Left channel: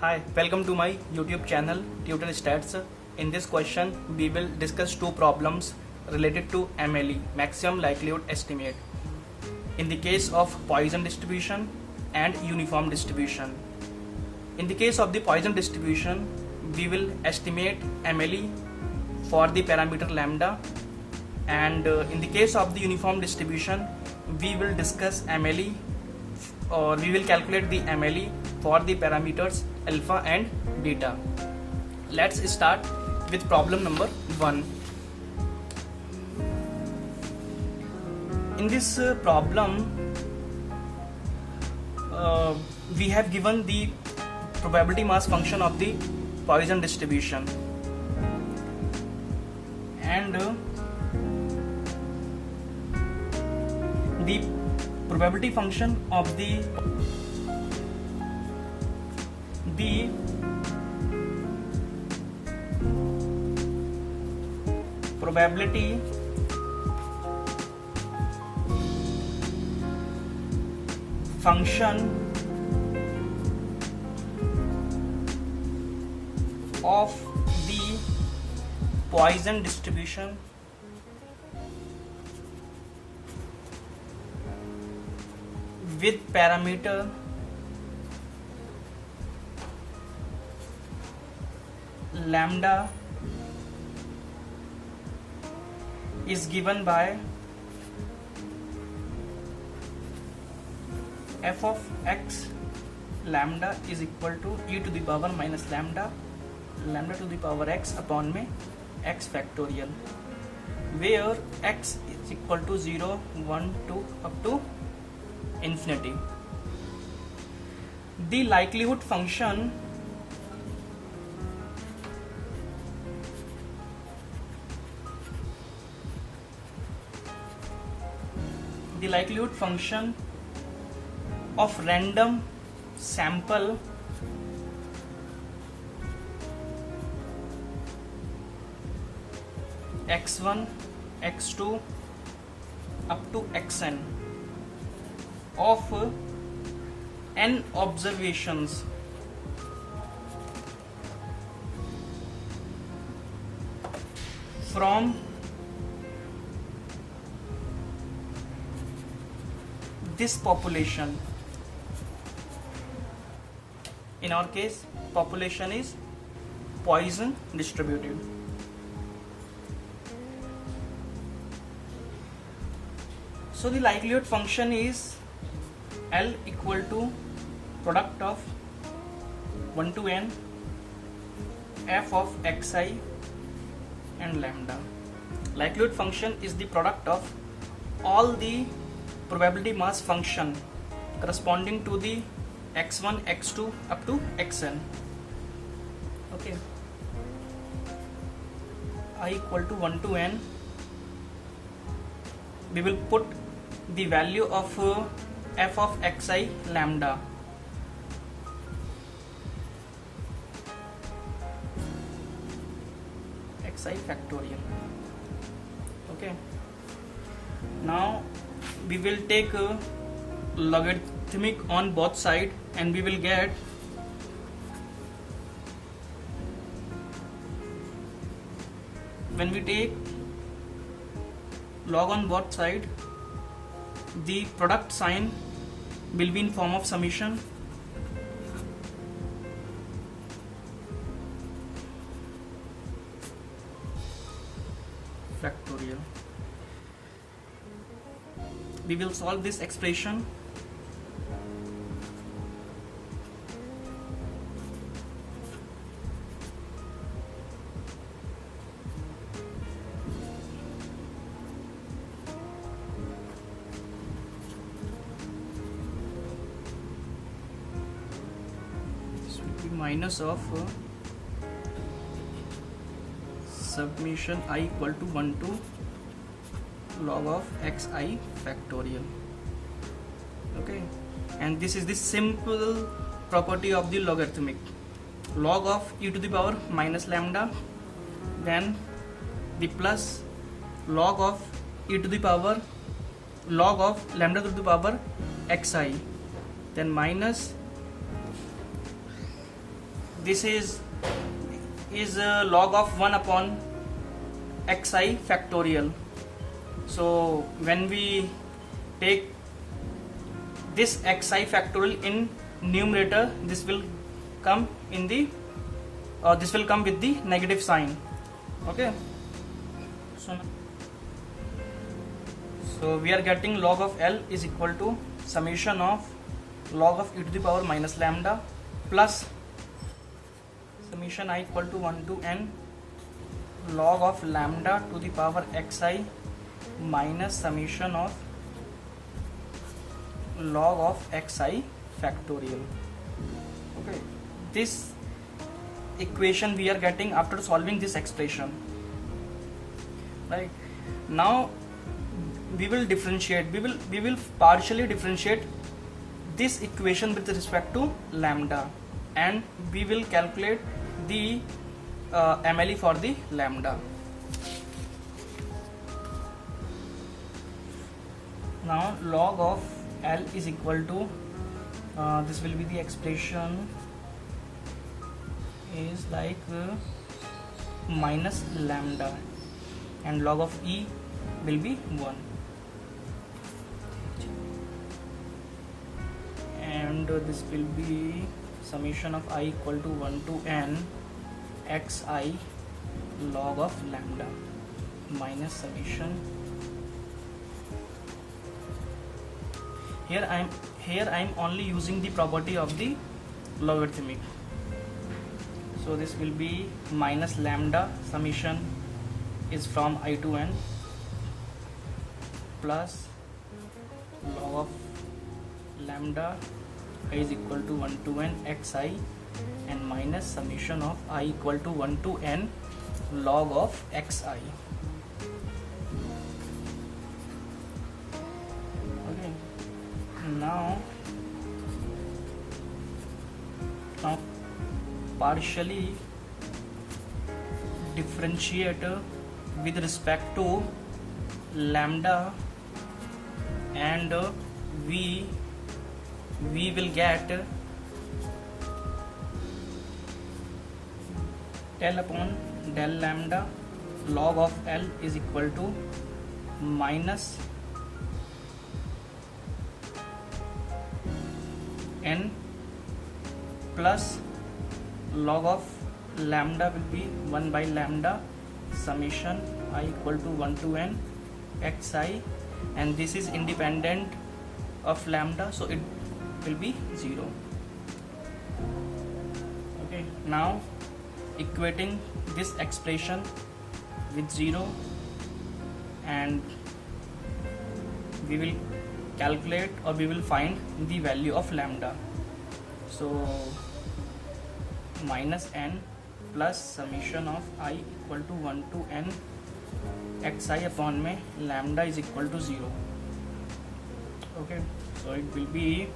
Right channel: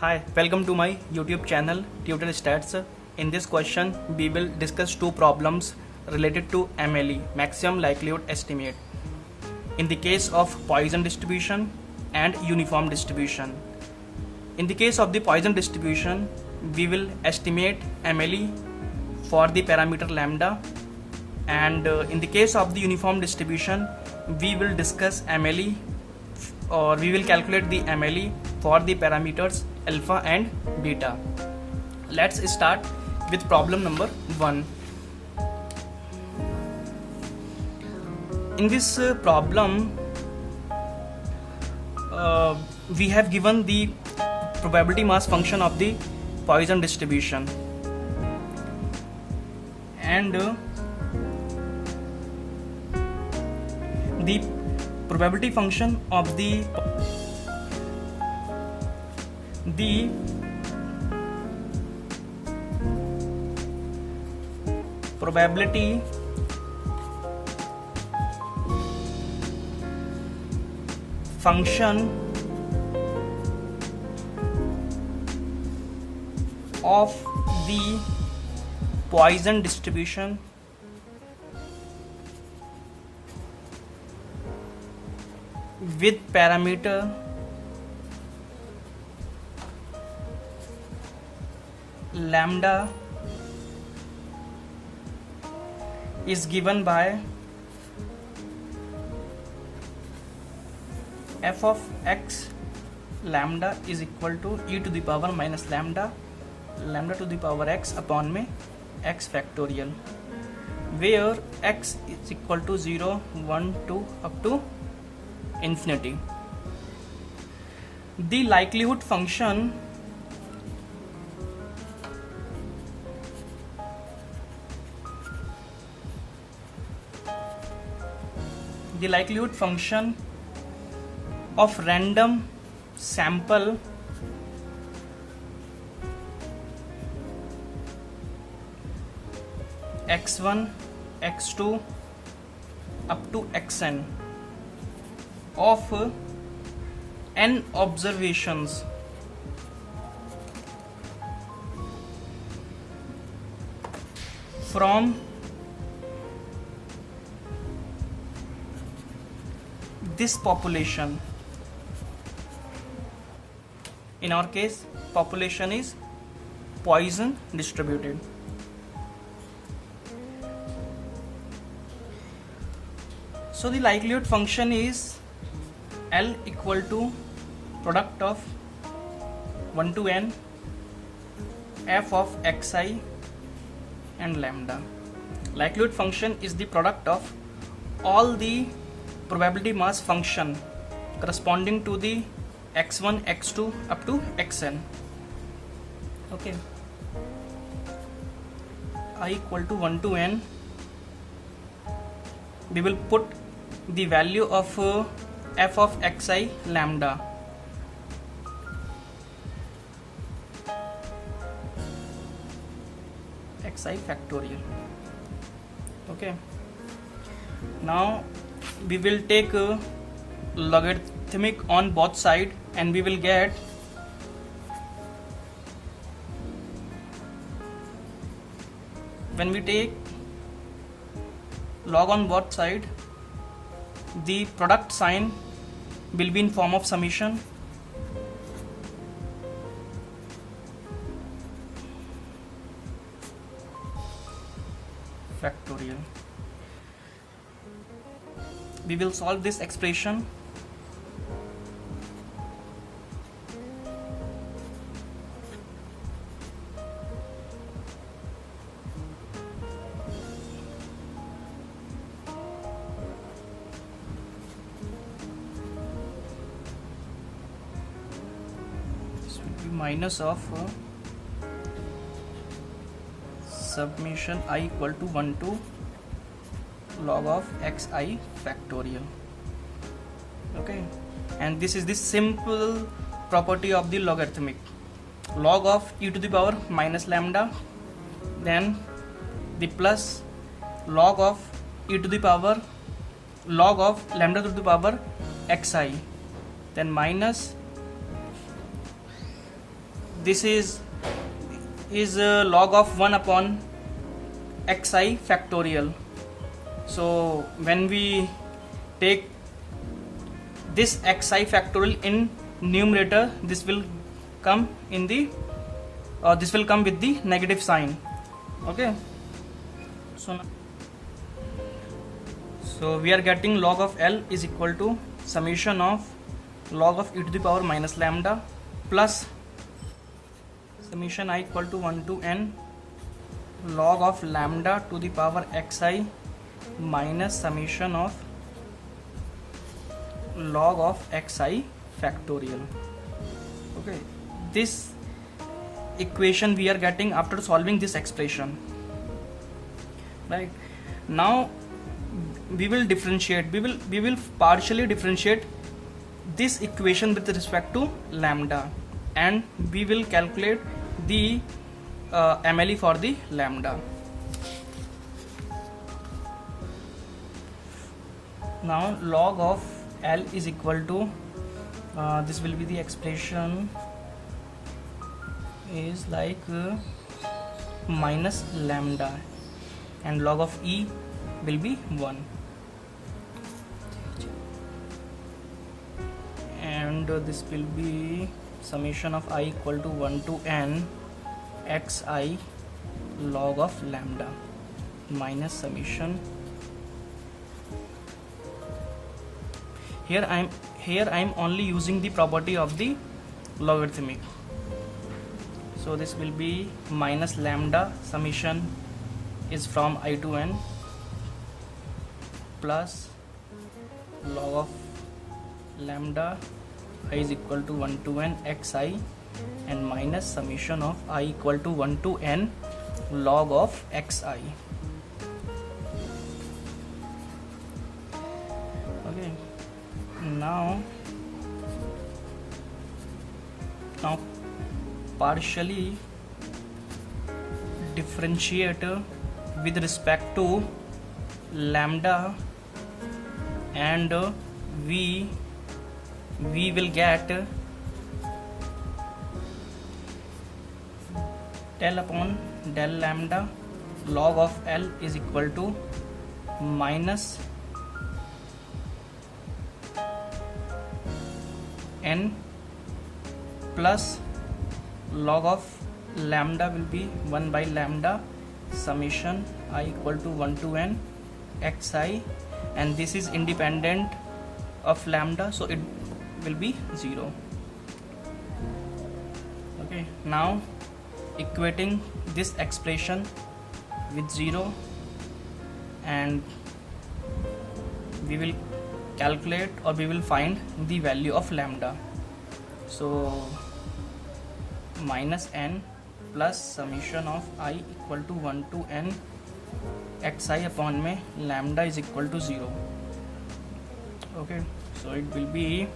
Hi, welcome to my YouTube channel Tutor Stats. In this question, we will discuss two problems related to MLE, maximum likelihood estimate, in the case of Poisson distribution and uniform distribution. In the case of the Poisson distribution, we will estimate MLE for the parameter lambda, and in the case of the uniform distribution, we will discuss MLE, or we will calculate the MLE for the parameters alpha and beta. Let's start with problem number 1. In this problem, we have given the probability mass function of the Poisson distribution, and the probability function of the probability function of the Poisson distribution with parameter lambda is given by f of x lambda is equal to e to the power minus lambda to the power x upon में x factorial, where x is equal to 0, 1, 2 up to infinity. The likelihood function of random sample x1, x2 up to xn of n observations from this population. In our case, population is Poisson distributed. So the likelihood function is L equal to product of 1 to n f of xi and lambda. Likelihood function is the product of all the probability mass function corresponding to the x1, x2 up to xn. Okay, I equal to 1 to n. We will put the value of f of xi lambda. Xi factorial. Okay, now we will take a logarithmic on both sides, and we will get when we take log on both sides, the product sign will be in form of summation factorial. We will solve this expression. This will be minus of summation I equal to 1 to log of xi factorial. Okay, and this is the simple property of the logarithmic. Log of e to the power minus lambda, then the plus log of e to the power log of lambda to the power xi, then minus this is log of 1 upon xi factorial. So when we take this xi factorial in numerator, this will come in the this will come with the negative sign. Okay, so we are getting log of L is equal to summation of log of e to the power minus lambda plus summation I equal to 1 to n log of lambda to the power xi minus summation of log of xi factorial. Okay, this equation we are getting after solving this expression. Right now we will differentiate, we will partially differentiate this equation with respect to lambda, and we will calculate the MLE for the lambda. Now log of L is equal to this will be the expression is like minus lambda, and log of E will be 1, and this will be summation of I equal to 1 to n xi log of lambda minus summation. Here I am only using the property of the logarithmic. So this will be minus lambda summation is from I to n plus log of lambda I is equal to 1 to n xi and minus summation of I equal to 1 to n log of xi. Okay, now partially differentiate with respect to lambda, and we will get del upon del lambda log of L is equal to minus n plus log of lambda will be 1 by lambda summation I equal to 1 to n xi, and this is independent of lambda, so it will be 0. Okay, now equating this expression with 0, and we will calculate or we will find the value of lambda. So minus n plus summation of I equal to 1 to n xi upon में lambda is equal to 0. Okay, so it will be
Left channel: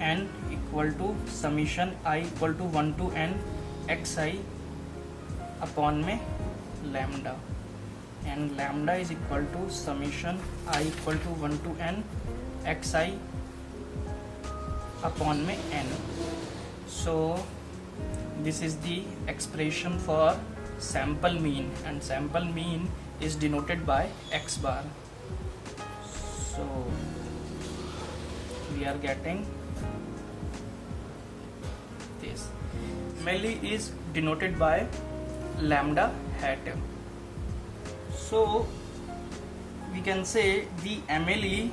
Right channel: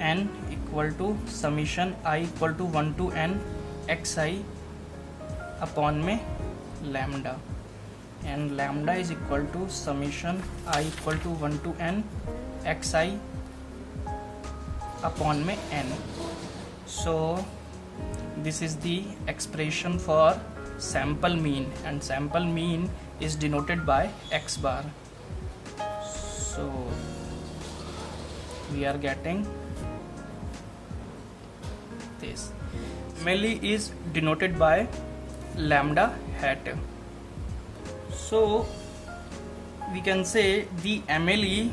n equal to summation I equal to 1 to n xi upon में lambda, and lambda is equal to summation I equal to 1 to n xi upon में n. So this is the expression for sample mean, and sample mean is denoted by x bar. So we are getting this. MLE is denoted by lambda hat. So we can say the MLE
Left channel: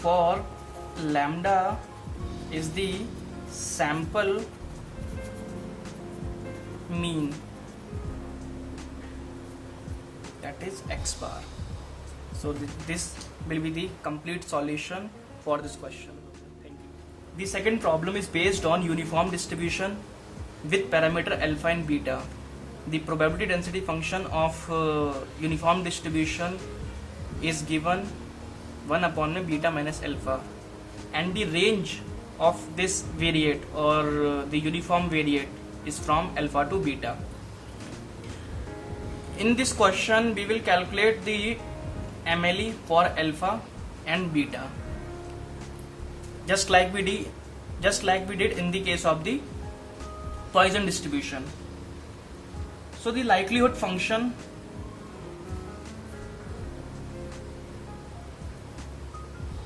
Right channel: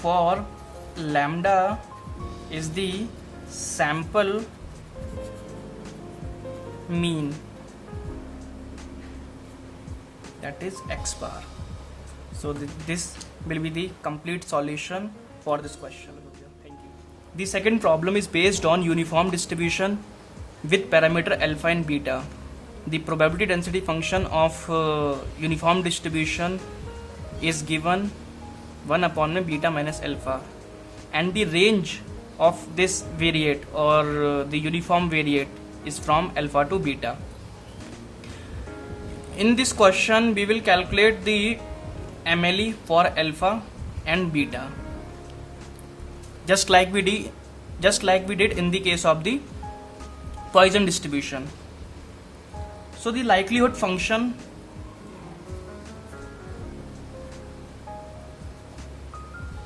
for lambda is the sample mean, that is x bar. So this will be the complete solution for this question. Thank you. The second problem is based on uniform distribution with parameter alpha and beta. The probability density function of uniform distribution is given 1 upon beta minus alpha, and the range of this variate or the uniform variate is from alpha to beta. In this question we will calculate the MLE for alpha and beta, just like we did in the case of the Poisson distribution. So the likelihood function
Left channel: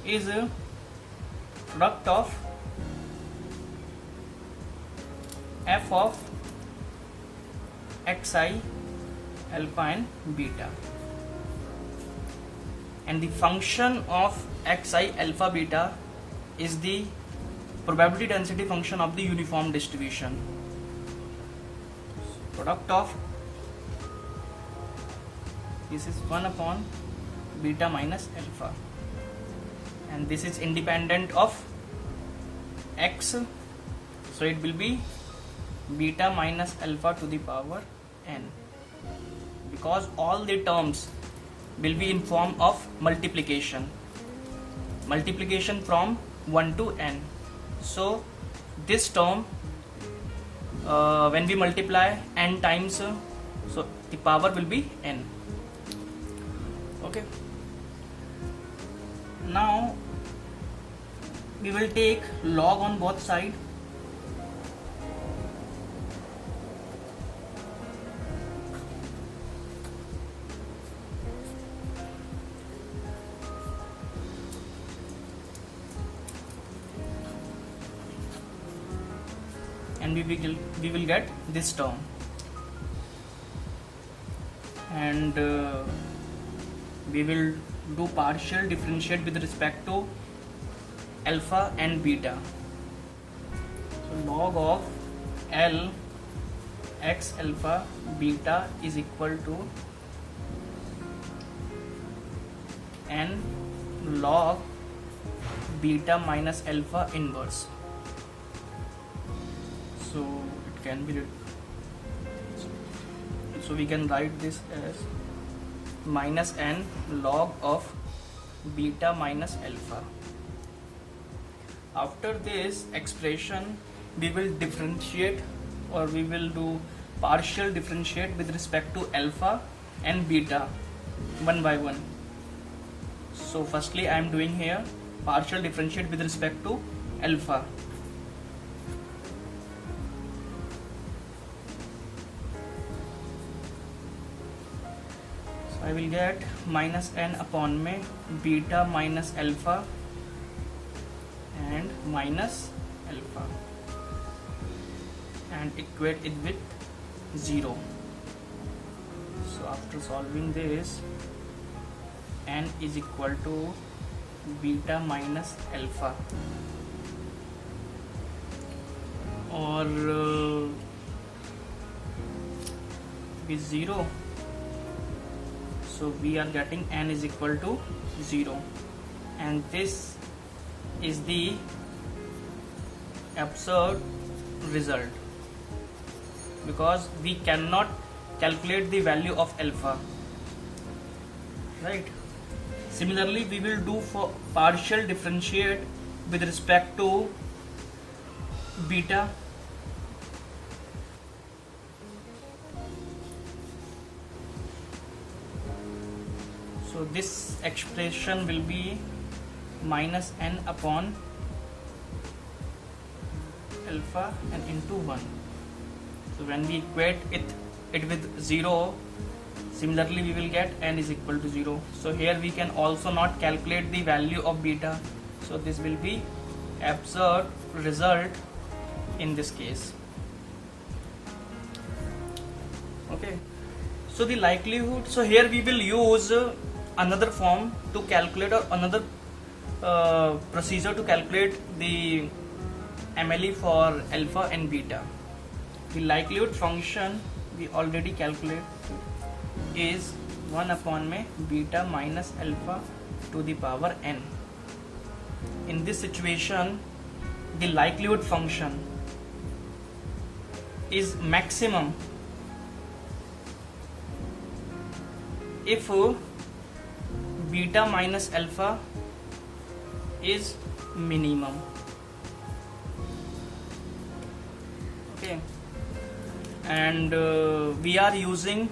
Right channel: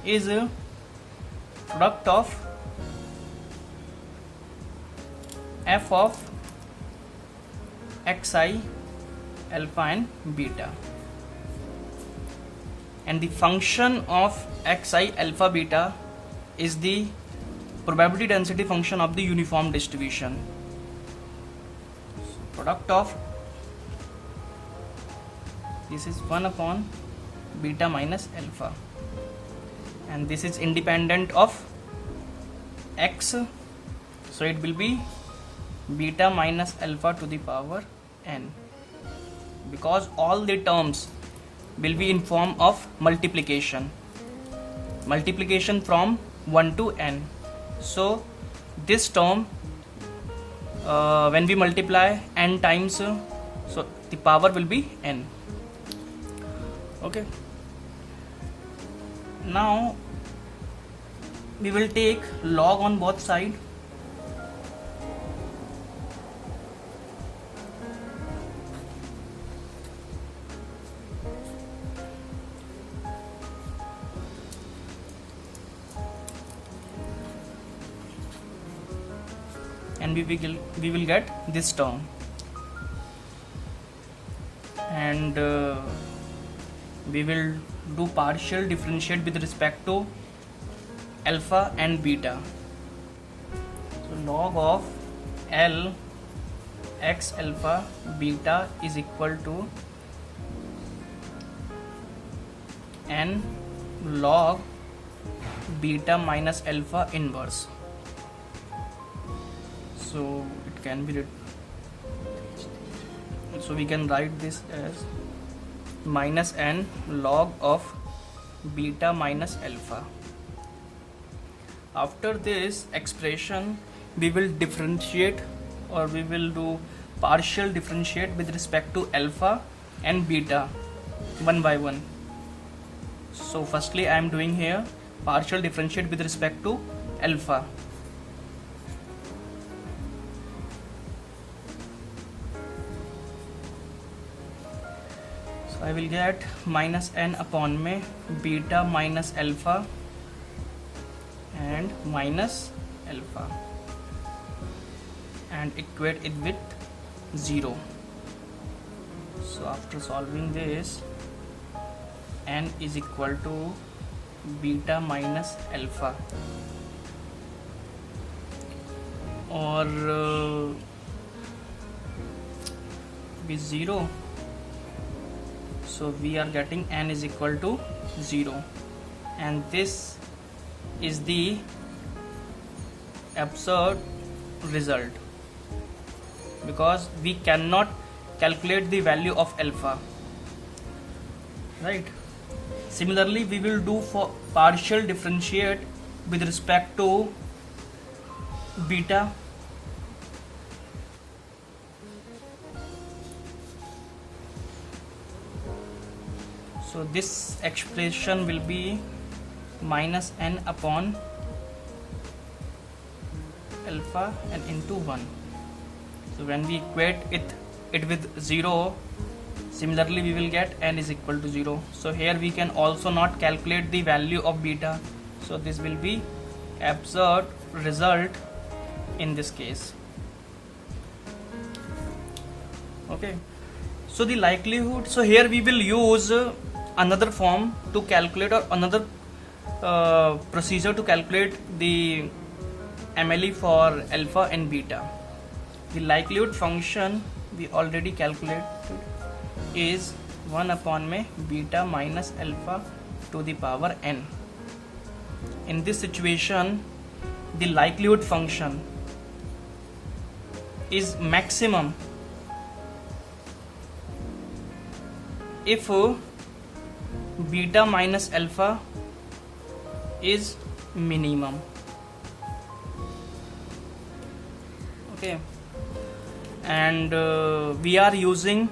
is a product of f of xi, alpha and beta, and the function of xi, alpha, beta is the probability density function of the uniform distribution. Product of this is 1 upon beta minus alpha, and this is independent of x, so it will be beta minus alpha to the power n, because all the terms will be in form of multiplication from 1 to n. So this term when we multiply n times, so the power will be n. Okay, now we will take log on both sides. And we will get this term, and we will do partial differentiate with respect to alpha and beta. So log of L x alpha beta is equal to n log beta minus alpha inverse. So it can be, so we can write this as minus n log of beta minus alpha. After this expression we will differentiate, or we will do partial differentiate with respect to alpha and beta one by one. So firstly I am doing here partial differentiate with respect to alpha. I will get minus n upon में beta minus alpha and minus alpha, and equate it with 0. So after solving this, n is equal to beta minus alpha, or with 0. So we are getting n is equal to 0, and this is the absurd result, because we cannot calculate the value of alpha, right? Similarly we will do for partial differentiate with respect to beta. So this expression will be minus n upon alpha and into 1. So when we equate it with 0, similarly we will get n is equal to 0. So here we can also not calculate the value of beta, so this will be absurd result in this case. Okay, so the likelihood, so here we will use another form to calculate, or another procedure to calculate the MLE for alpha and beta. The likelihood function we already calculated is 1 upon में beta minus alpha to the power n. In this situation the likelihood function is maximum if beta minus alpha is minimum. Okay, and we are using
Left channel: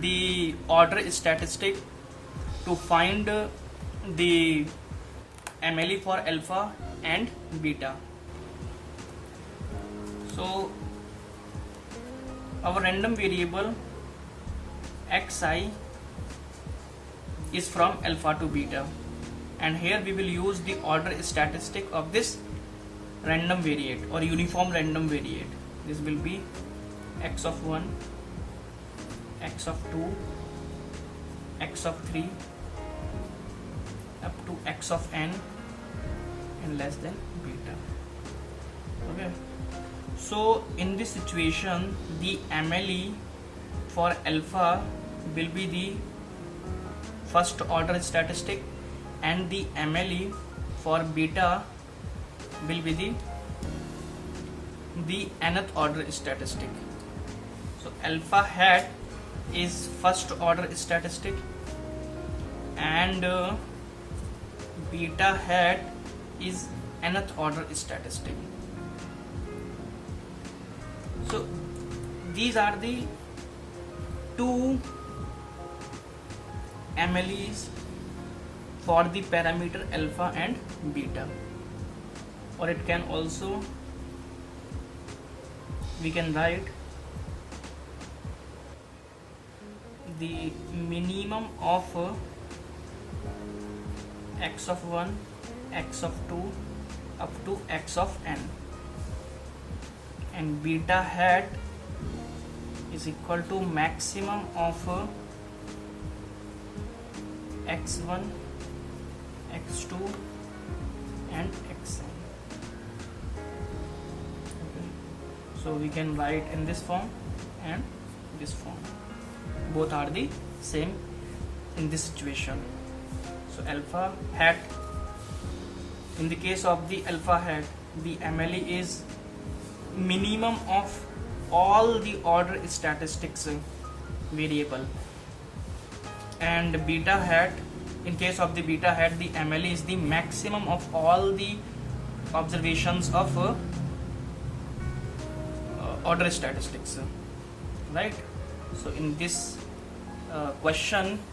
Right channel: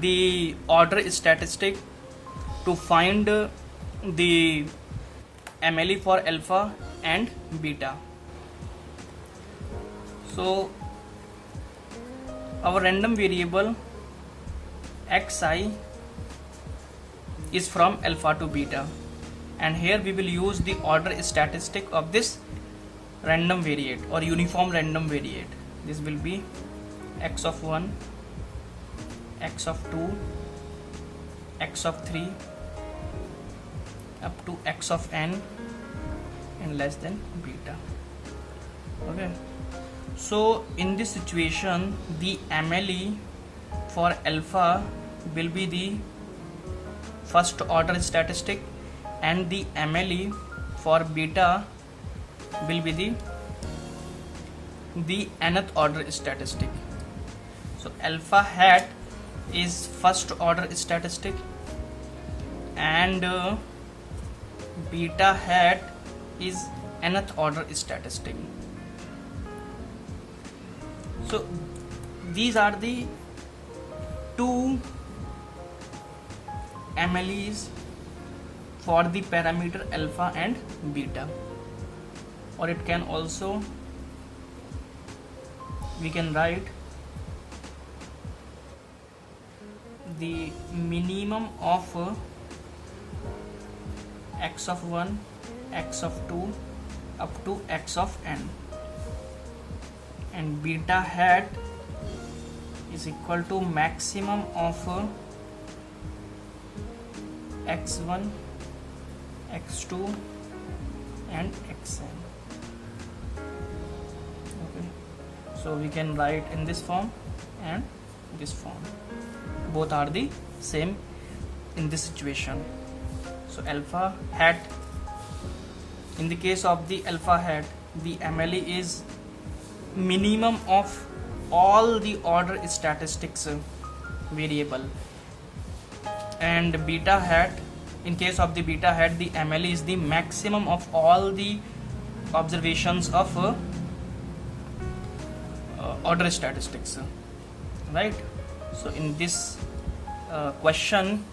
the order statistic to find the MLE for alpha and beta. So our random variable xi is from alpha to beta, and here we will use the order statistic of this random variate or uniform random variate. This will be x of 1, x of 2, x of 3 up to x of n and less than beta. Okay, so in this situation the MLE for alpha will be the first order statistic and the MLE for beta will be the nth order statistic. So alpha hat is first order statistic and beta hat is nth order statistic. So these are the two MLEs for the parameter alpha and beta, or it can also, we can write the minimum of x of 1, x of 2 up to x of n, and beta hat is equal to maximum of x1, x2 and xn. Okay, so we can write in this form and this form, both are the same in this situation. So alpha hat, in the case of the alpha hat, the MLE is minimum of all the order statistics variable, and beta hat, in case of the beta hat, the MLE is the maximum of all the observations of order statistics, right? So in this question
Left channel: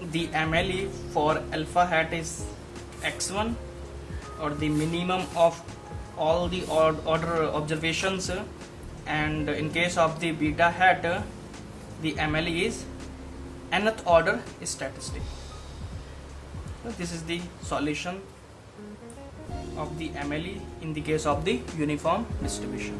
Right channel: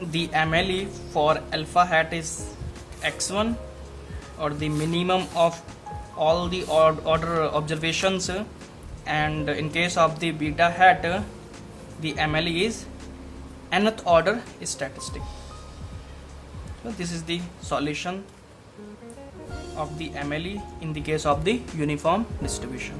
the MLE for alpha hat is x1, or the minimum of all the order observations, and in case of the beta hat the MLE is nth order statistic. So this is the solution of the MLE in the case of the uniform distribution.